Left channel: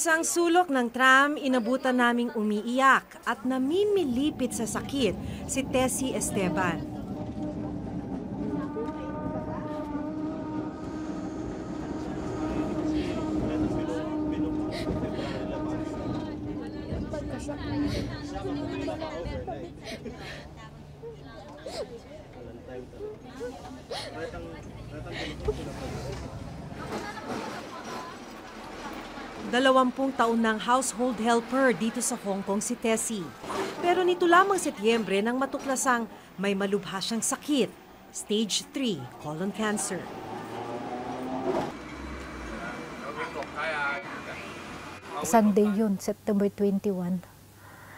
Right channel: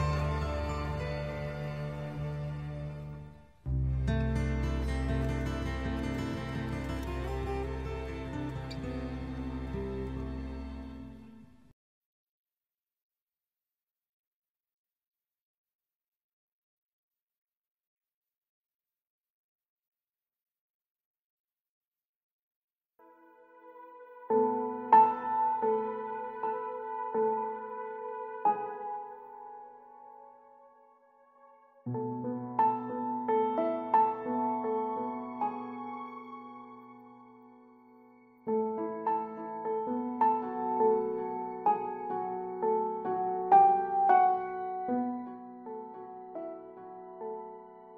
isang sulok ng tram, inabutan naming umiiyak at namimilipit sa sakit si Tessie Esteban. Dalawampung taon ng household helper dito sa Hong Kong si Tessie. Pero nito lamang Setyembre nang matuklasang may malubha siyang sakit, stage 3 colon cancer. Sunday yun, September 21.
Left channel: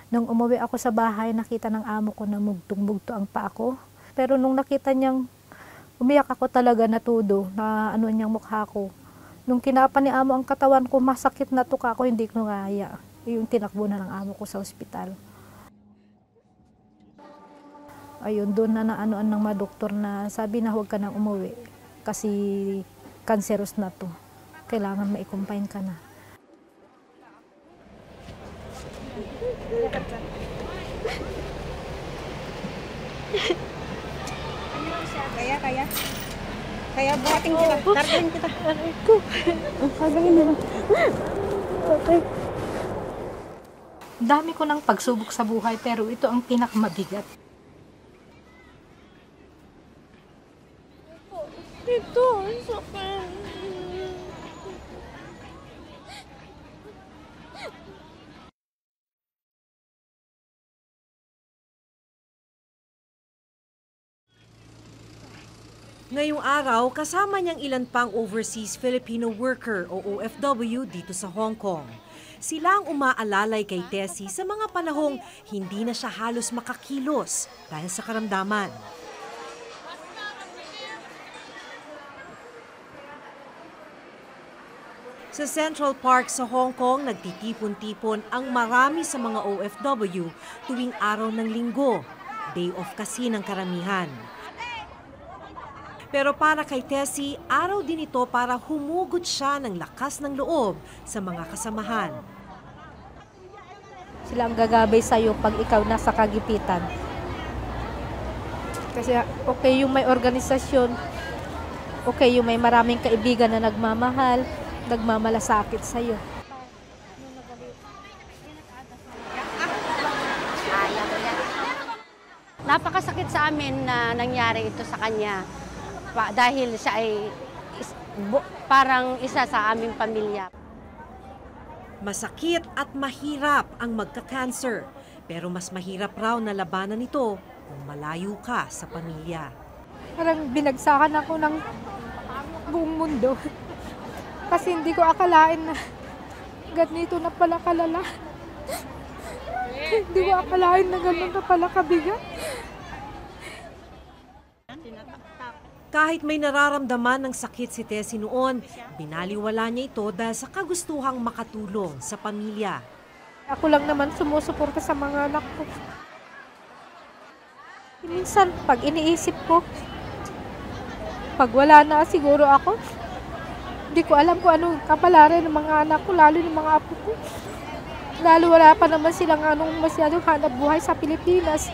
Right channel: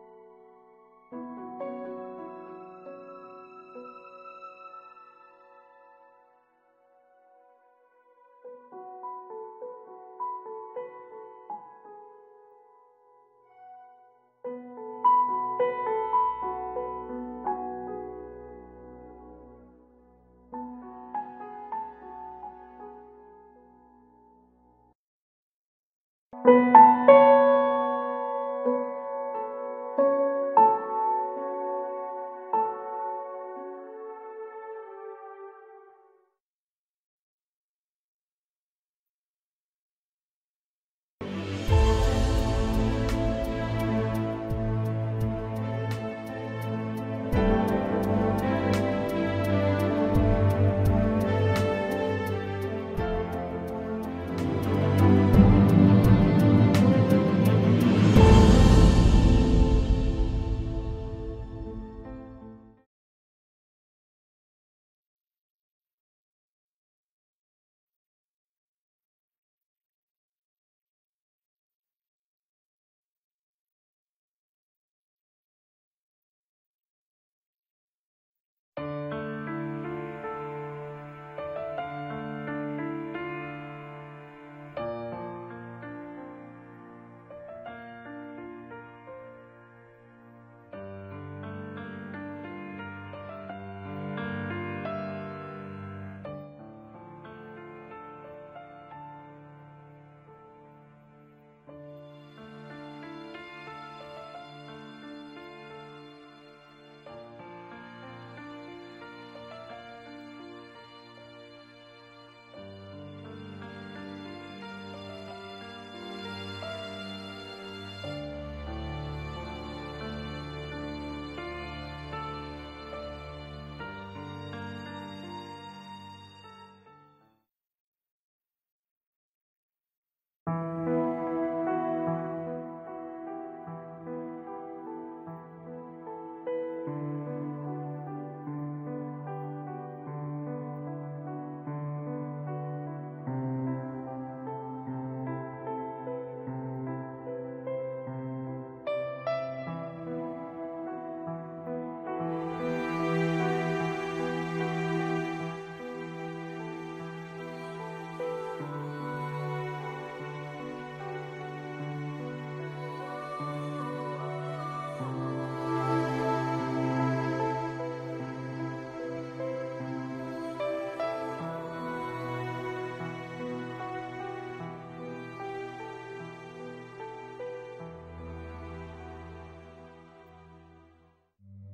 Nung umuwi ako sa bahay, nakita ng amo ko na mugtong-mugto ang paa ko. Pero nung nakita niyang umiyak ako talaga natudo na ano niyang mukha ko. Nung kinapa ni amo ang katawan ko, masakit na tuka ko, hindi ko kaya. Yung tinakbo na ng amo ko sa ospital. Ayun, doon na naanoan ng mga doktor na sabi na huwag ka nang umuwi kasi cancerous na to. Kailangan ma-confine ka na. Kaya buhatin kita, kargahin kita. Kargahin nila. Okay. Dami ko ng pagsubok sa buhay pero ito ang pinakamabigat. Ito, Ngayong araw, kasama niyang ilan pang overseas Filipino worker o OFW dito sa Hong Kong. Sila ang umaalalay kay Tessie sa mga panahong hindi na siya halos makakilos dahil sa karamdaman. Sa Central Park sa Hong Kong, nagtitipon-tipon ang marami sa mga OFW tuwing araw ng linggo. Day off kasi ng karamihan. Pero para kay Tessie, araw din ito para humugot siya ng lakas ng loob sa mga kasamahan. sila ang gagabay sa'yo pag ikaw nasa kagipitan. Kasi okay yung may organisasyon, okay yung may maraming kaibigan na nagmamahal, nagmamalasakit sa'yo. Napakasakit sa amin na nangyari ito sa kanya dahil siya ay parang isa sa aming pamilya. Masakit at mahirap ang magka-cancer, pero mas mahirap raw na labanan ito kung malayo ka sa pamilya. Parang binagsakan ako ng buong mundo. Kasi hindi ko akalain na ganito na pala kalala. Hindi ko akalain na gano'n na pala kabigat. Kahit may nararamdaman ng sakit si Tessie noon, binaliwala niya ito dahil sa kagustuhang makatulong sa pamilya. Ako lang naman sumusuporta sa mga anak ko. Minsan, pag iniisip ko, pag wala na siguro ako, hindi ko alam kung anong kapalaran ng mga anak ko, lalo ng mga apo ko. Lalo wala pa naman silang masyadong hanap buhay sa Pilipinas.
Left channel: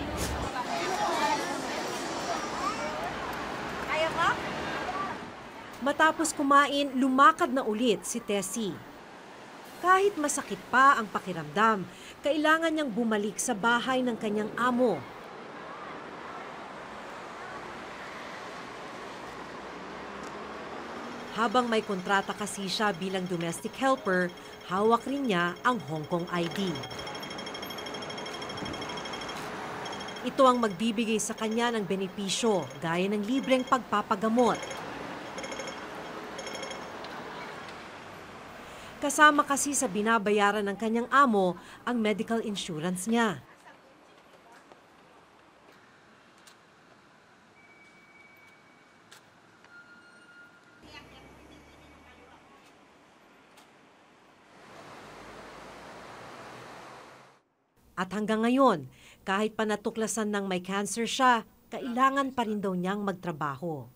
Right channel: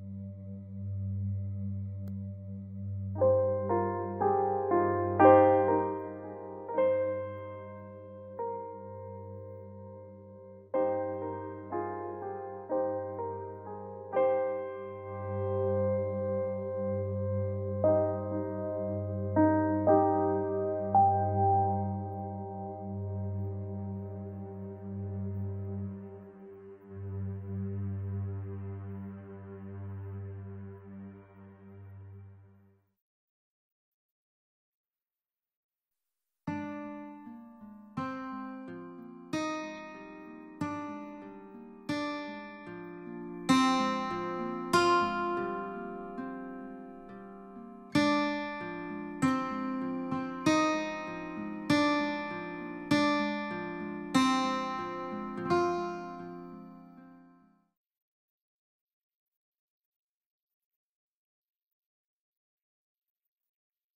Matapos kumain, lumakad na ulit si Tessie. Kahit masakit pa ang pakiramdam, kailangan niyang bumalik sa bahay ng kanyang amo. Habang may kontrata kasi siya bilang domestic helper, hawak rin niya ang Hong Kong ID. Ito ang magbibigay sa kanya ng benepisyo, gaya ng libreng pagpapagamot. Kasama kasi sa binabayaran ng kanyang amo ang medical insurance niya. At hanggang ngayon, kahit pa natuklasan ng may cancer siya, kailangan pa rin daw niyang magtrabaho.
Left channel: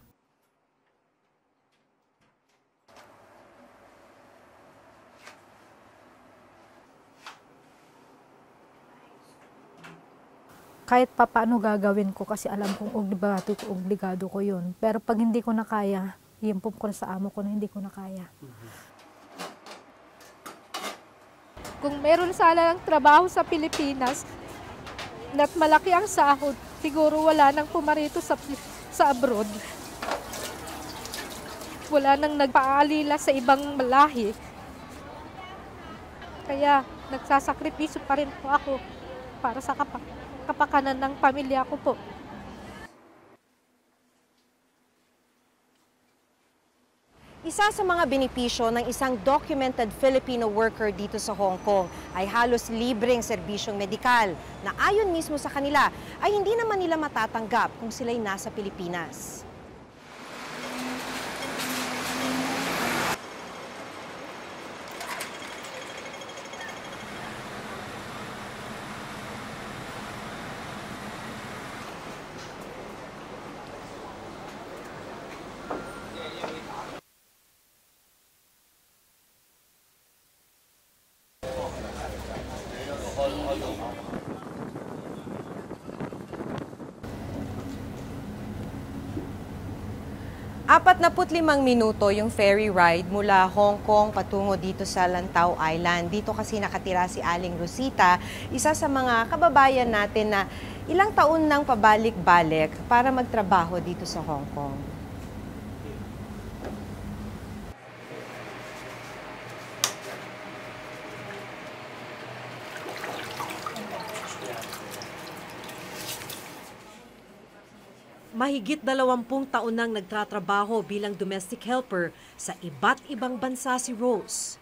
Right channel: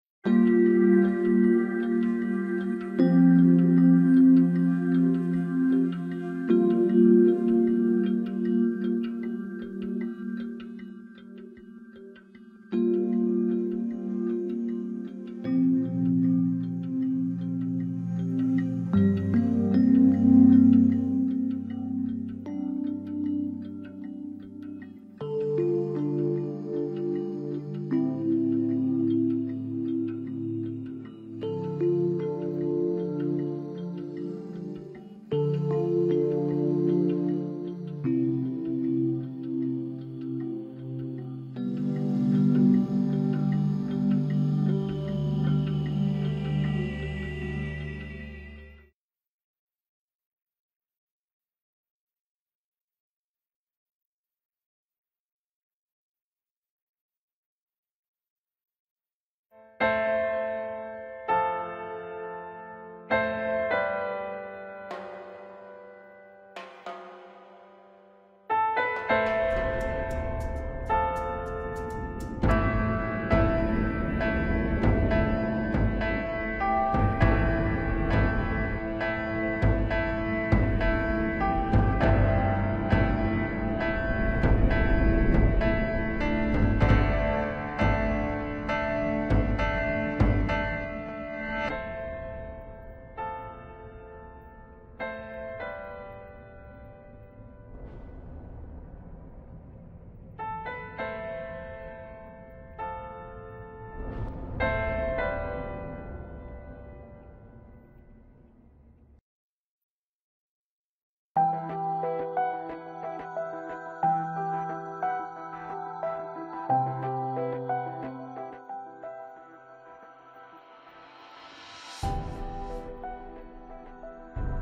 kahit papaano gagawin ko kasi alam kong obligado ko yun. Pero pag hindi ko na kaya, iimpok ko sa amo ko na hindi ko na kaya. Kung meron sana ng trabaho sa Pilipinas, at malaki ang sahod, siguro wala nang pumarito sa abroad. Wala nang nagpaalila sa ibang lahi. Kaya nagsasakripisyo pa rin po ako para sa kapakanan ng pamilya ko po. Isa sa mga benepisyo ng isang documented Filipino worker dito sa Hong Kong ay halos libreng serbisyong medikal na ayon mismo sa kanila ay hindi naman nila matatanggap kung sila'y nasa Pilipinas. Apat na 45 minuto yung ferry ride mula Hong Kong patungo dito sa Lantau Island. Dito kasi nakatira si Aling Rosita, isa sa mga kababayan natin na ilang taon nang pabalik-balik para magtrabaho dito sa Hong Kong. Mahigit 20 taon nang nagtatrabaho bilang domestic helper sa iba't ibang bansa si Rose.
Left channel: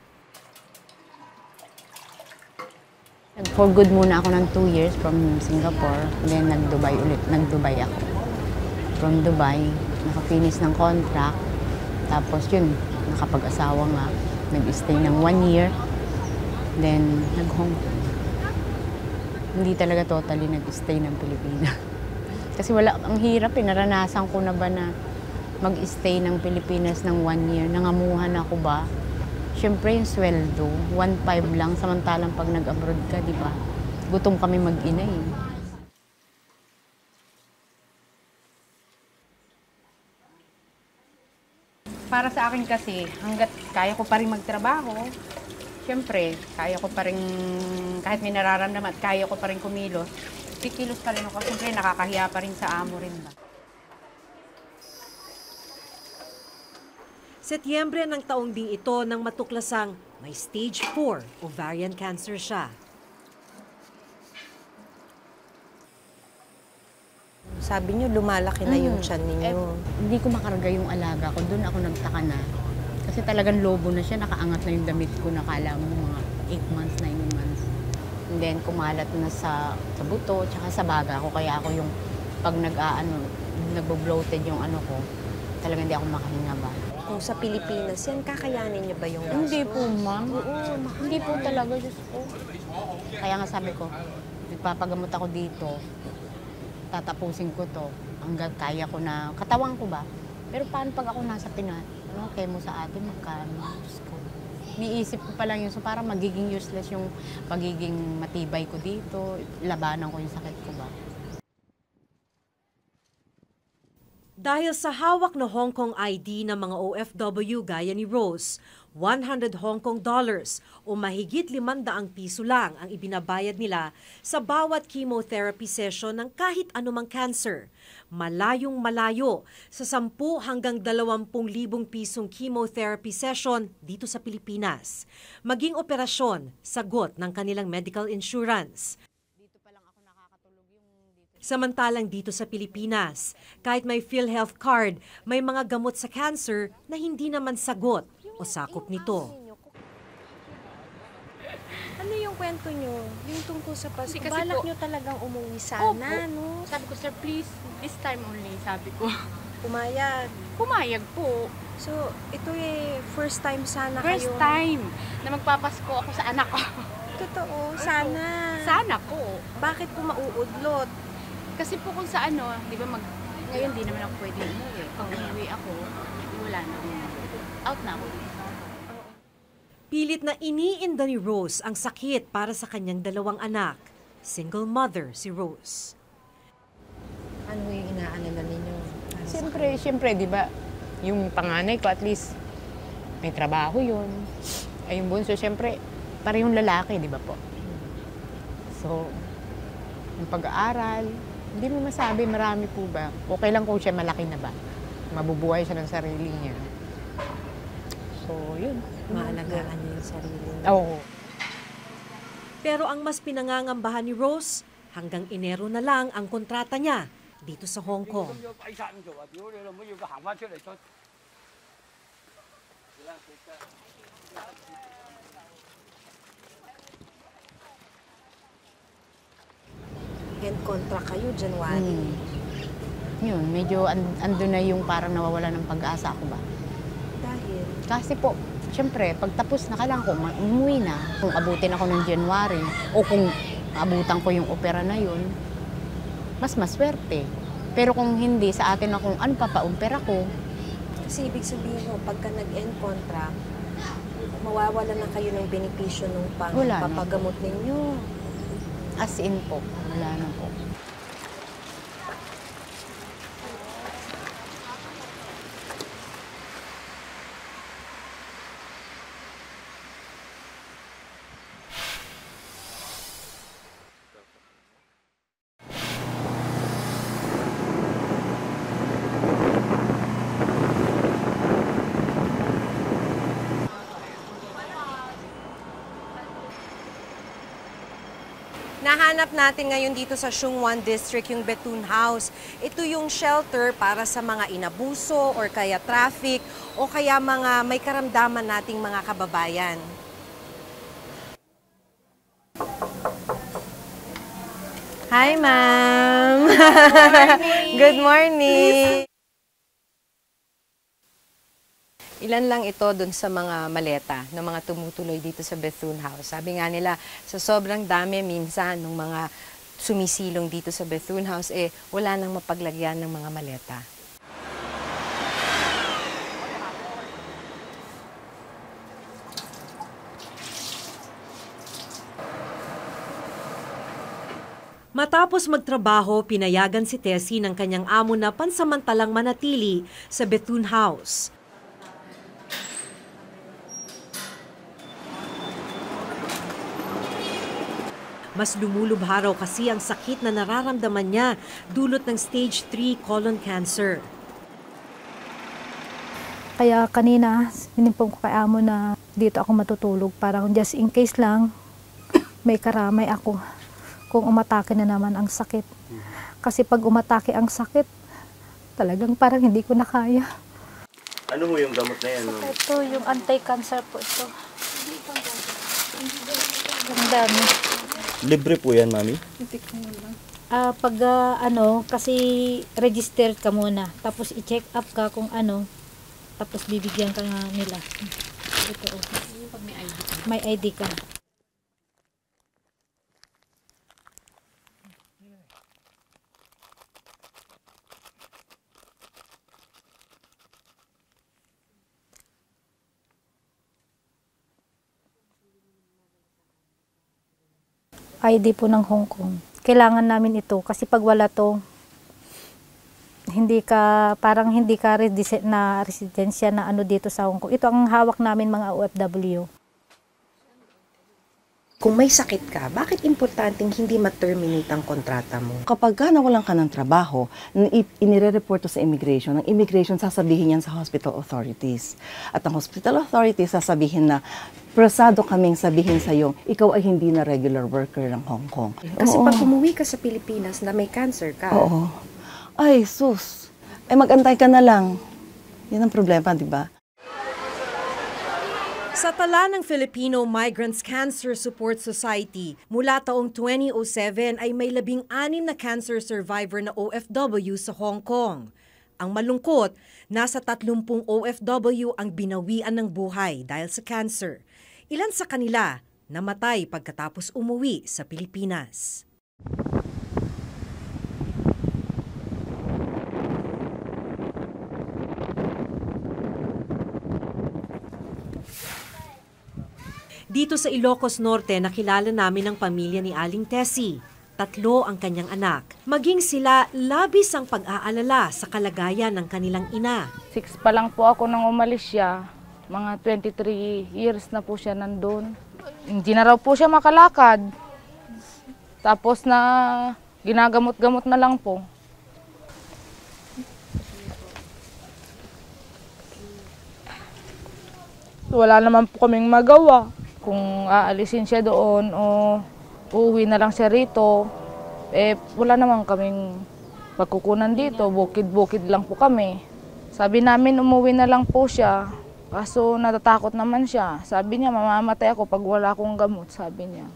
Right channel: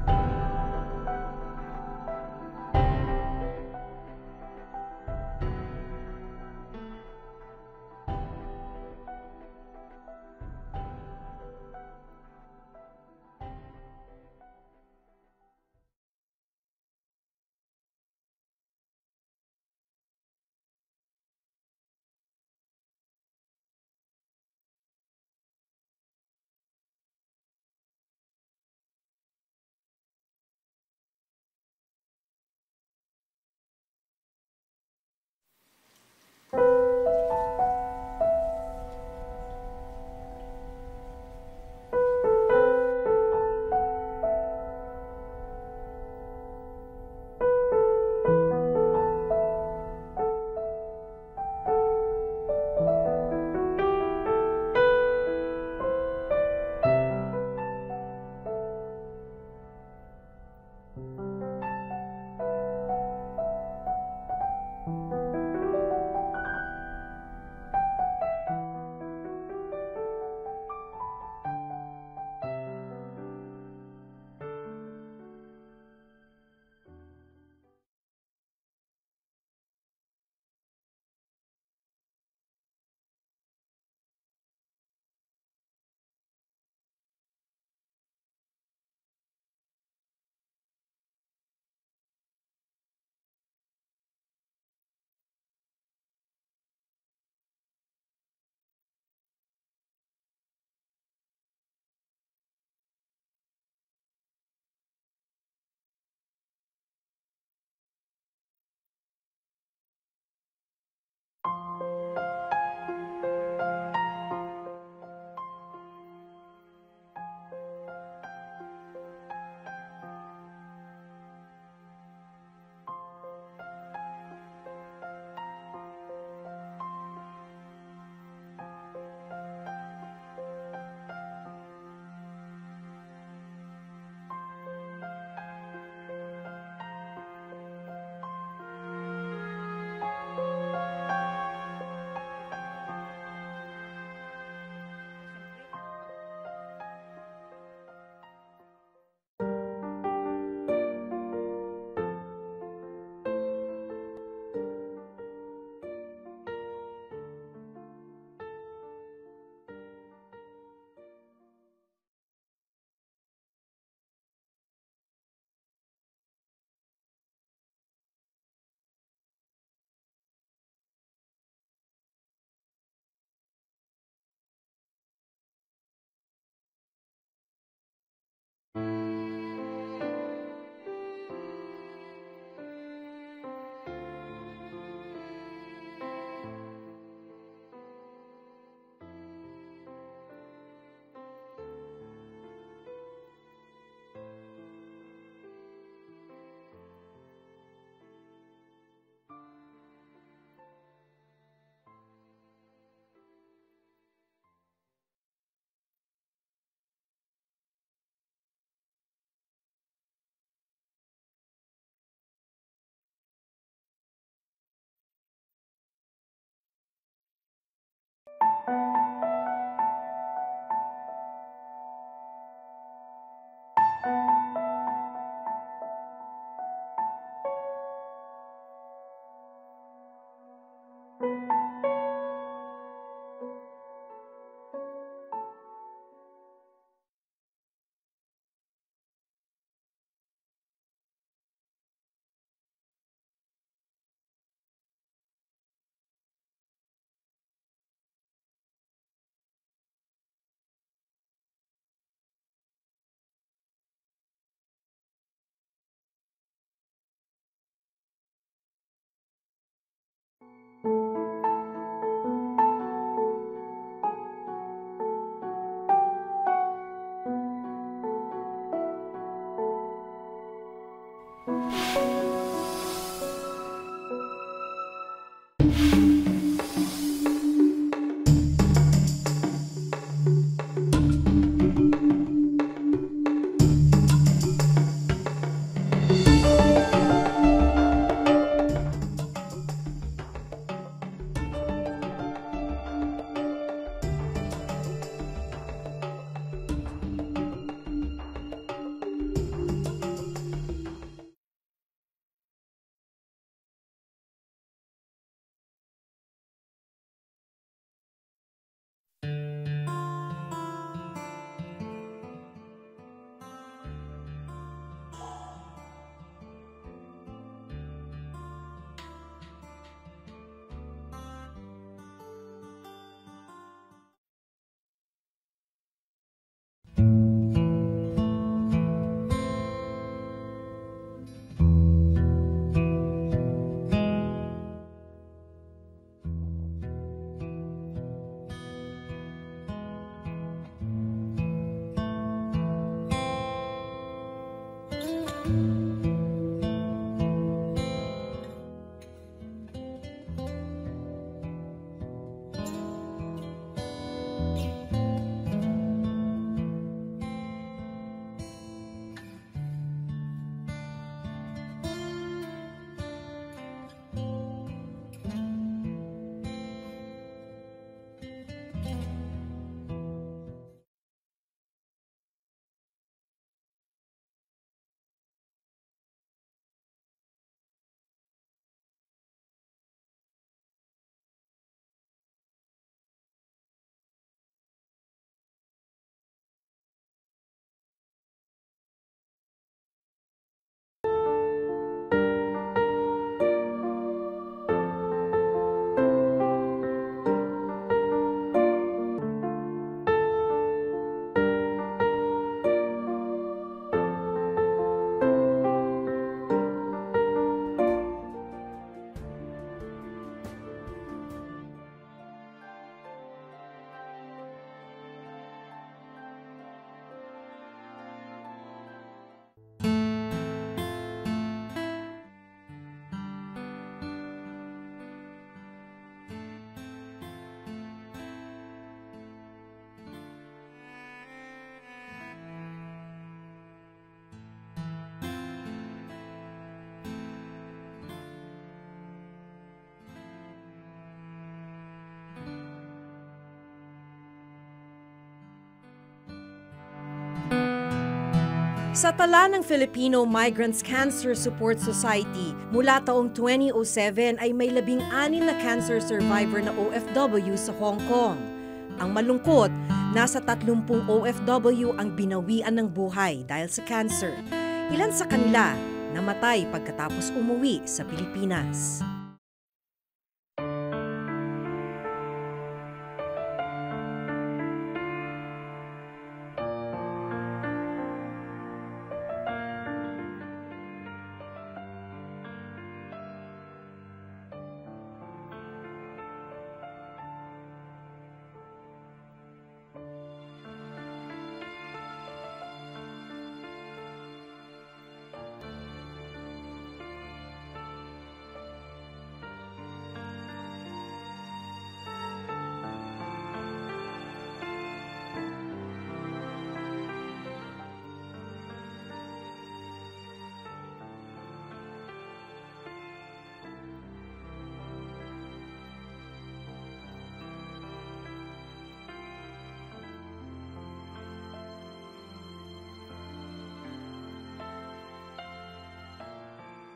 For good muna ako ng 2 years from Singapore, then nag-Dubai ulit. Nag-Dubai ako. From Dubai, nakafinish ng contract. Tapos yun, nakapag-asawa nga. Nag-stay ng 1 year. Then nag-Hong Kong. Hindi talaga totally nag-stay ng Pilipinas. Kasi ang hirap eh, naranasan ko na ba na mag-stay ng Pilipinas ng 1 year, nangamuhan ako ba? Siyempre yung sweldo, 1.5 lang, samantalang pag nag-abroad ka, di ba? Gutom kami mag-ina eh. Para sa akin kasi, hanggat kaya ko pa rin magtrabaho, siyempre, kaya ko pa rin, kahit may nararamdaman, kaya ko pa rin kumilos. Kikilos pa rin ako, siyempre nakakahiya pa rin sa amo rin. Setyembre ng taong ding ito nang matuklasang may stage 4 ovarian cancer siya. Sabi niyo, lumalaki na yung tiyan ninyo. Hindi ko makarga yung alaga ko, doon ako nagtaka na. Kasi talagang lobo na siya, nakaangat na yung damit ko, nakala mo mga 8 months, 9 months. And then kumalat na sa buto, tsaka sa baga ko. Kaya ako yung pag nagbo-bloated yung ano ko, talagang hindi ako makahinga ba. Kung sa Pilipinas, yan kakayanin niyo ba yung gastos? Hindi po, ma'am. Hindi po talaga, Diyos ko. Kaya nga sabi ko, nagpapagamot ako dito, tatapusin ko to, hanggang kaya ko na, katawan ko ba? Pero paano pag ako nasa Pinas? Chemo sa atin, magkano? Diyos ko. Niisip ko pa lang yun, so parang magiging useless yung pagiging matibay ko dito, labanan ko yung sakit ko ba. Dahil sa hawak na Hong Kong ID ng mga OFW gaya ni Rose, 100 Hong Kong dollars o mahigit 500 piso lang ang ibinabayad nila sa bawat chemotherapy session ng kahit anumang cancer. Malayong malayo sa 10 hanggang 20,000 pisong chemotherapy session dito sa Pilipinas. Maging operasyon, sagot ng kanilang medical insurance. Samantalang dito sa Pilipinas, kahit may PhilHealth card, may mga gamot sa cancer na hindi naman sagot o sakop nito. Ano yung kwento nyo? Yung tungkol sa Pasko? Balak nyo talagang umuwi sana, no? Sabi ko, sir, please, this time only, sabi ko. Pumayag. Pumayag po. So, ito first time sana First kayo. time na magpapasko ako sa anak ko. Totoo, sana. Sana po. Bakit po mauudlot? Kasi po kung sa di ba ngayon di naman ako pwede umuwi. Pag umuwi ako, wala na. Out na ako. Pilit na iniinda ni Rose ang sakit para sa kanyang 2 anak. Single mother si Rose. Ano yung inaalala ninyo? Siyempre, di ba, yung panganay ko at least may trabaho yun. Ay yung bunso, siyempre, parehong lalaki, di ba po? So, yung pag-aaral, hindi mo masabi, marami po ba? Okay lang kung siya malaki na ba? Mabubuhay siya ng sarili niya. So, yun. Maalagaan niyo yung sarili niyo. Oo. Pero ang mas pinangangambahan ni Rose, hanggang Enero na lang ang kontrata niya dito sa Hong Kong. End contract kayo, January. Yun, medyo ando na yung parang nawawala ng pag-asa ako ba? Dahil, Kasi po, siyempre, pag tapos na, kailangan ko umuwi na. Kung abutin ako ng January, o kung abutan ko yung opera na yun, mas maswerte. Pero kung hindi, sa atin na kung ano pa-opera ko, kasi ibig sabihin mo, pagka nag-end contract, mawawala na kayo ng benepisyo ng Wala na. papagamot ninyo. as in po, wala na po. Nahanap natin ngayon dito sa Shungwan District yung Bethune House. Ito yung shelter para sa mga inabuso or kaya traffic o kaya mga may karamdaman nating mga kababayan. Hi, ma'am. Good morning. Ilan lang ito dun sa mga maleta ng mga tumutuloy dito sa Bethune House. Sabi nga nila, sa sobrang dami minsan ng mga sumisilong dito sa Bethune House, wala nang mapaglagyan ng mga maleta. Matapos magtrabaho, pinayagan si Tessie ng kanyang amo na pansamantalang manatili sa Bethune House. Mas lumulubha raw kasi ang sakit na nararamdaman niya dulot ng stage 3 colon cancer. Kaya kanina, sinimpong ko kay amo na dito ako matutulog. Parang just in case lang, may karamay ako kung umatake na naman ang sakit. Kasi pag umatake ang sakit, talagang parang hindi ko na kaya. Ano mo yung gamot na yan? Ma'am? Ito, yung anti-cancer po ito. Ang dami. Libre po yan, Mami? Pag kasi registered ka muna. Tapos i-check up ka kung ano. Tapos bibigyan ka nga nila. Ito, oh. May ID ka. ID po ng Hong Kong. Kailangan namin ito kasi pag wala to, hindi ka na residensya na ano dito sa Hong Kong. Ito ang hawak namin mga OFW. Kung may sakit ka, bakit importanteng hindi ma-terminate ang kontrata mo? Kapag nawalan ka ng trabaho, inire-report sa immigration, ang immigration sasabihin yan sa hospital authorities. At ang hospital authorities sasabihin na, prosado kaming sabihin sa'yo, ikaw ay hindi na regular worker ng Hong Kong. Kasi Oo. pag umuwi ka sa Pilipinas na may cancer ka, Oo. Ay, sus. Ay, mag-antay ka na lang. Yan ang problema, di ba? Sa tala ng Filipino Migrants Cancer Support Society, mula taong 2007 ay may 16 na cancer survivor na OFW sa Hong Kong. Ang malungkot, nasa 30 OFW ang binawian ng buhay dahil sa cancer. Ilan sa kanila namatay pagkatapos umuwi sa Pilipinas. Dito sa Ilocos Norte, nakilala namin ang pamilya ni Aling Tessie. tatlo ang kanyang anak. Maging sila labis ang pag-aalala sa kalagayan ng kanilang ina. 6 pa lang po ako nang umalis siya. Mga 23 years na po siya nandun. Hindi na raw po siya makalakad. Tapos na ginagamot-gamot na lang po. Wala naman po kaming magawa. Kung aalisin siya doon o uuwi na lang siya rito, wala naman kaming pagkukunan dito. Bukid-bukid lang po kami. Sabi namin umuwi na lang po siya. Kaso natatakot naman siya. Sabi niya, mamamatay ako pag wala akong gamot, sabi niya.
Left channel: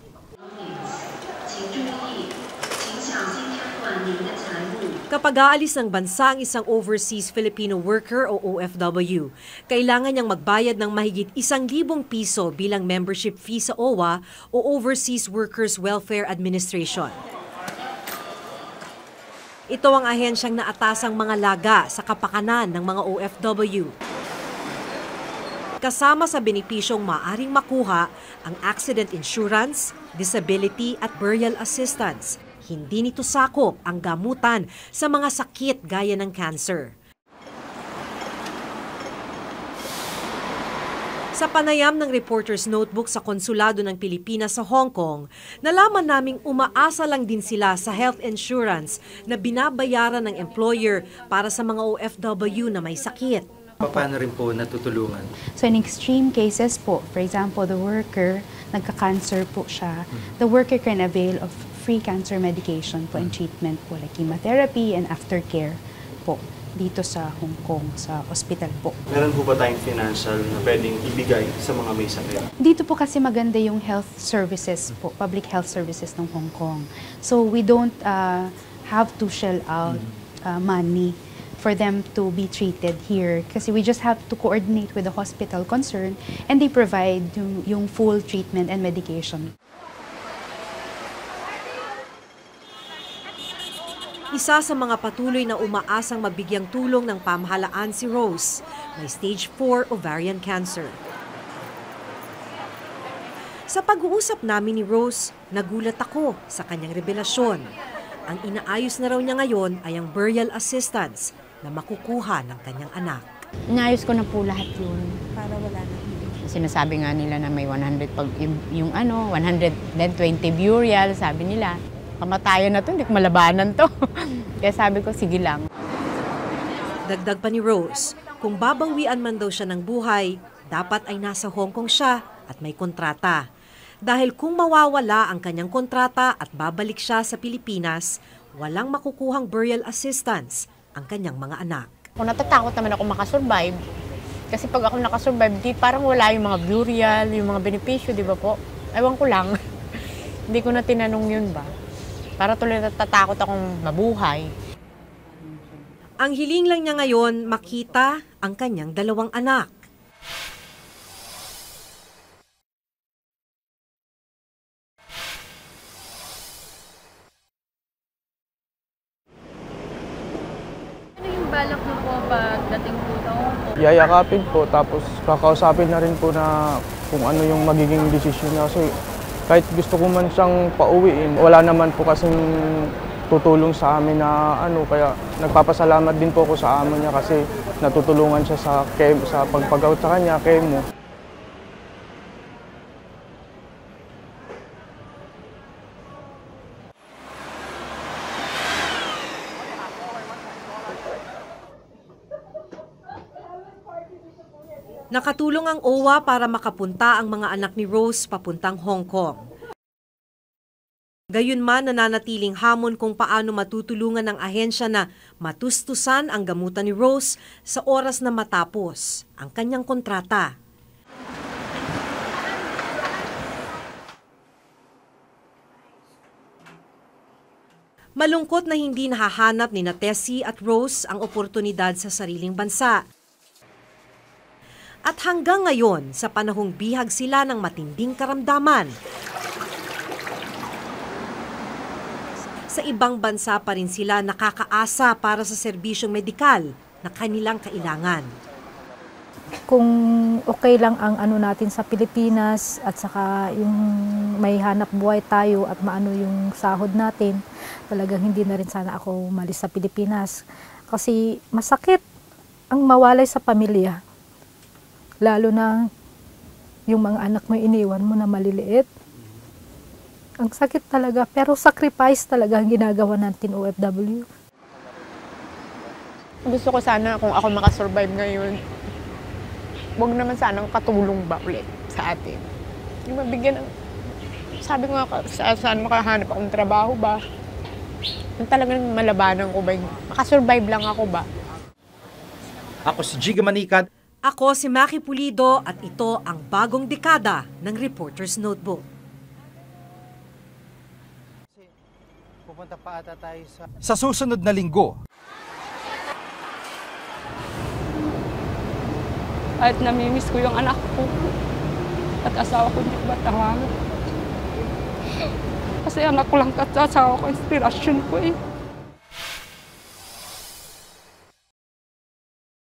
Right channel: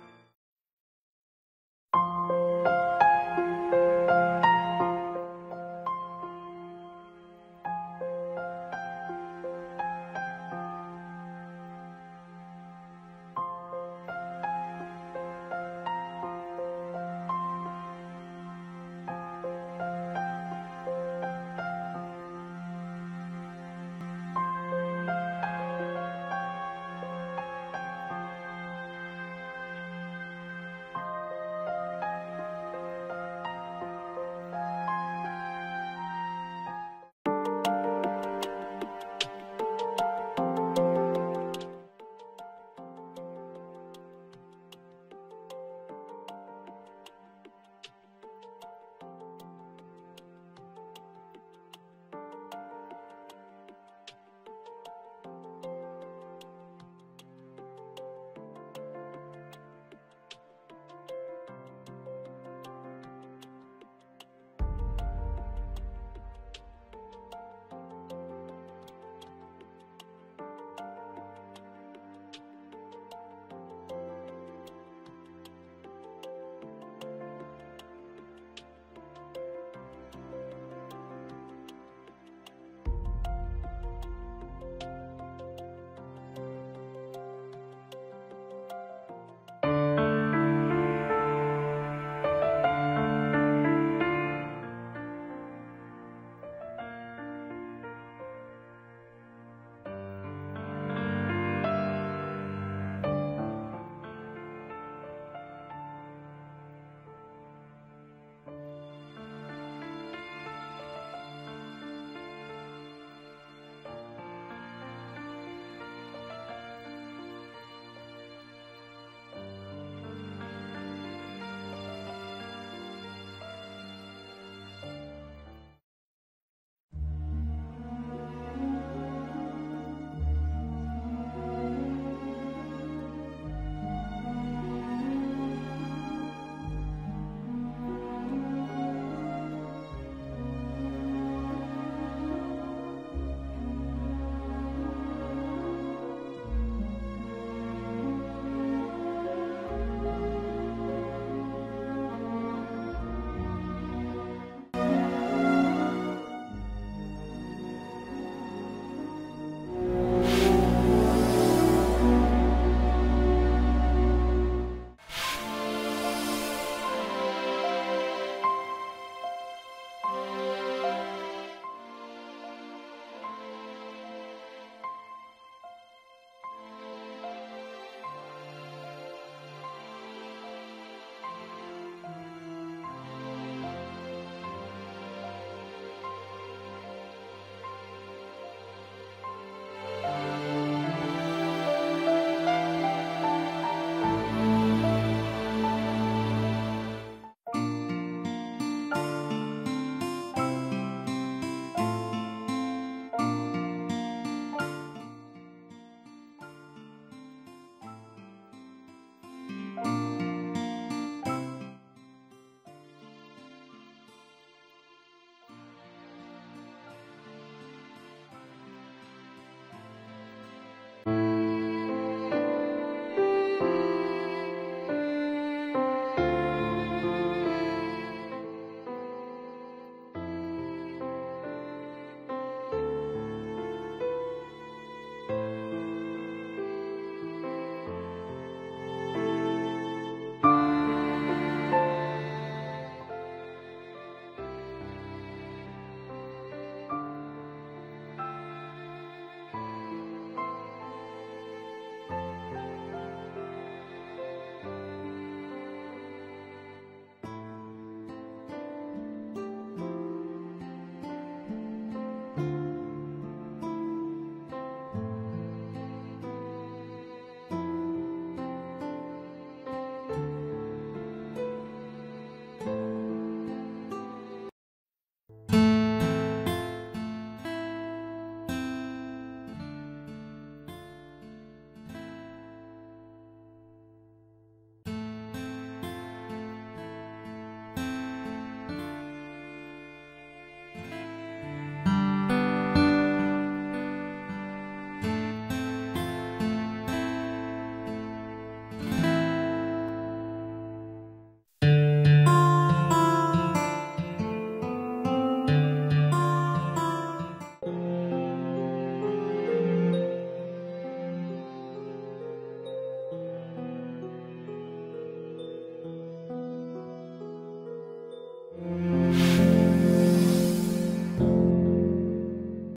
Kapag aalis ng bansa ang isang overseas Filipino worker o OFW, kailangan niyang magbayad ng mahigit 1,000 piso bilang membership fee sa OWA o Overseas Workers Welfare Administration. Ito ang ahensyang naatasang mga laga sa kapakanan ng mga OFW. Kasama sa benepisyong maaring makuha ang accident insurance, disability at burial assistance. Hindi nito sakop ang gamutan sa mga sakit gaya ng cancer. Sa panayam ng Reporter's Notebook sa Konsulado ng Pilipinas sa Hong Kong, nalaman naming umaasa lang din sila sa health insurance na binabayaran ng employer para sa mga OFW na may sakit. Paano rin po natutulungan? So in extreme cases po, for example, the worker, nagka-cancer po siya, the worker can avail of free cancer medication po and treatment po like chemotherapy and aftercare po dito sa Hong Kong, sa hospital po. Meron po ba tayong financial na pwedeng ibigay sa mga may sakit? Dito po kasi maganda yung health services po, public health services ng Hong Kong. So we don't have to shell out money for them to be treated here kasi we just have to coordinate with the hospital concerned and they provide yung full treatment and medication. Isa sa mga patuloy na umaasang mabigyang tulong ng pamahalaan si Rose, may stage 4 ovarian cancer. Sa pag-uusap namin ni Rose, nagulat ako sa kanyang revelasyon. Ang inaayos na raw niya ngayon ay ang burial assistance na makukuha ng kanyang anak. Inayos ko na po lahat yun. Para wala na. Sinasabi nga nila na may 100, pag yung 120 burial, sabi nila. Kamatayan na to, hindi ko malabanan to. Kaya sabi ko, sige lang. Dagdag pa ni Rose, kung babawian man daw siya ng buhay, dapat ay nasa Hong Kong siya at may kontrata. Dahil kung mawawala ang kanyang kontrata at babalik siya sa Pilipinas, walang makukuhang burial assistance ang kanyang mga anak. Kung natatakot naman ako makasurvive, kasi pag ako nakasurvive, di parang wala yung mga burial, yung mga benepisyo, di ba po? Ewan ko lang. Hindi ko na tinanong yun ba? Para tuloy natatakot akong mabuhay. Ang hiling lang niya ngayon makita ang kanyang 2 anak. Yung balak mo po pagdating po sa Hong Kong? Yayakapin po, tapos kakausapin na rin po na kung ano yung magiging desisyon niya. So, kahit gusto ko man siyang pauwiin, wala naman po kasing tutulong sa amin na kaya nagpapasalamat din po ako sa amo niya kasi natutulungan siya sa pagpag-out sa kanya, chemo. Nakatulong ang OWA para makapunta ang mga anak ni Rose papuntang Hong Kong. Gayunman, nananatiling hamon kung paano matutulungan ng ahensya na matustusan ang gamutan ni Rose sa oras na matapos ang kanyang kontrata. Malungkot na hindi nahahanap ni Tessie at Rose ang oportunidad sa sariling bansa. At hanggang ngayon, sa panahong bihag sila ng matinding karamdaman, sa ibang bansa pa rin sila nakakaasa para sa serbisyong medikal na kanilang kailangan. kung okay lang ang ano natin sa Pilipinas at saka yung may hanap buhay tayo at maano yung sahod natin, talagang hindi na rin sana ako umalis sa Pilipinas. Kasi masakit ang mawalay sa pamilya. Lalo na yung mga anak mo iniwan mo na maliliit. Ang sakit talaga, pero sacrifice talaga ang ginagawa natin OFW. Gusto ko sana kung ako makasurvive ngayon, huwag naman sanang katulong ba ulit sa atin. Yung mabigyan ng, sabi ko nga, saan makahanap akong trabaho ba? Yung talagang malabanan ko ba, makasurvive lang ako ba? Ako si Giga Manikad. Ako si Maki Pulido at ito ang bagong dekada ng Reporter's Notebook. Sa susunod na linggo, at namimiss ko yung anak ko at asawa ko hindi batangan. Kasi anak ko lang at asawa ko, inspirasyon ko eh.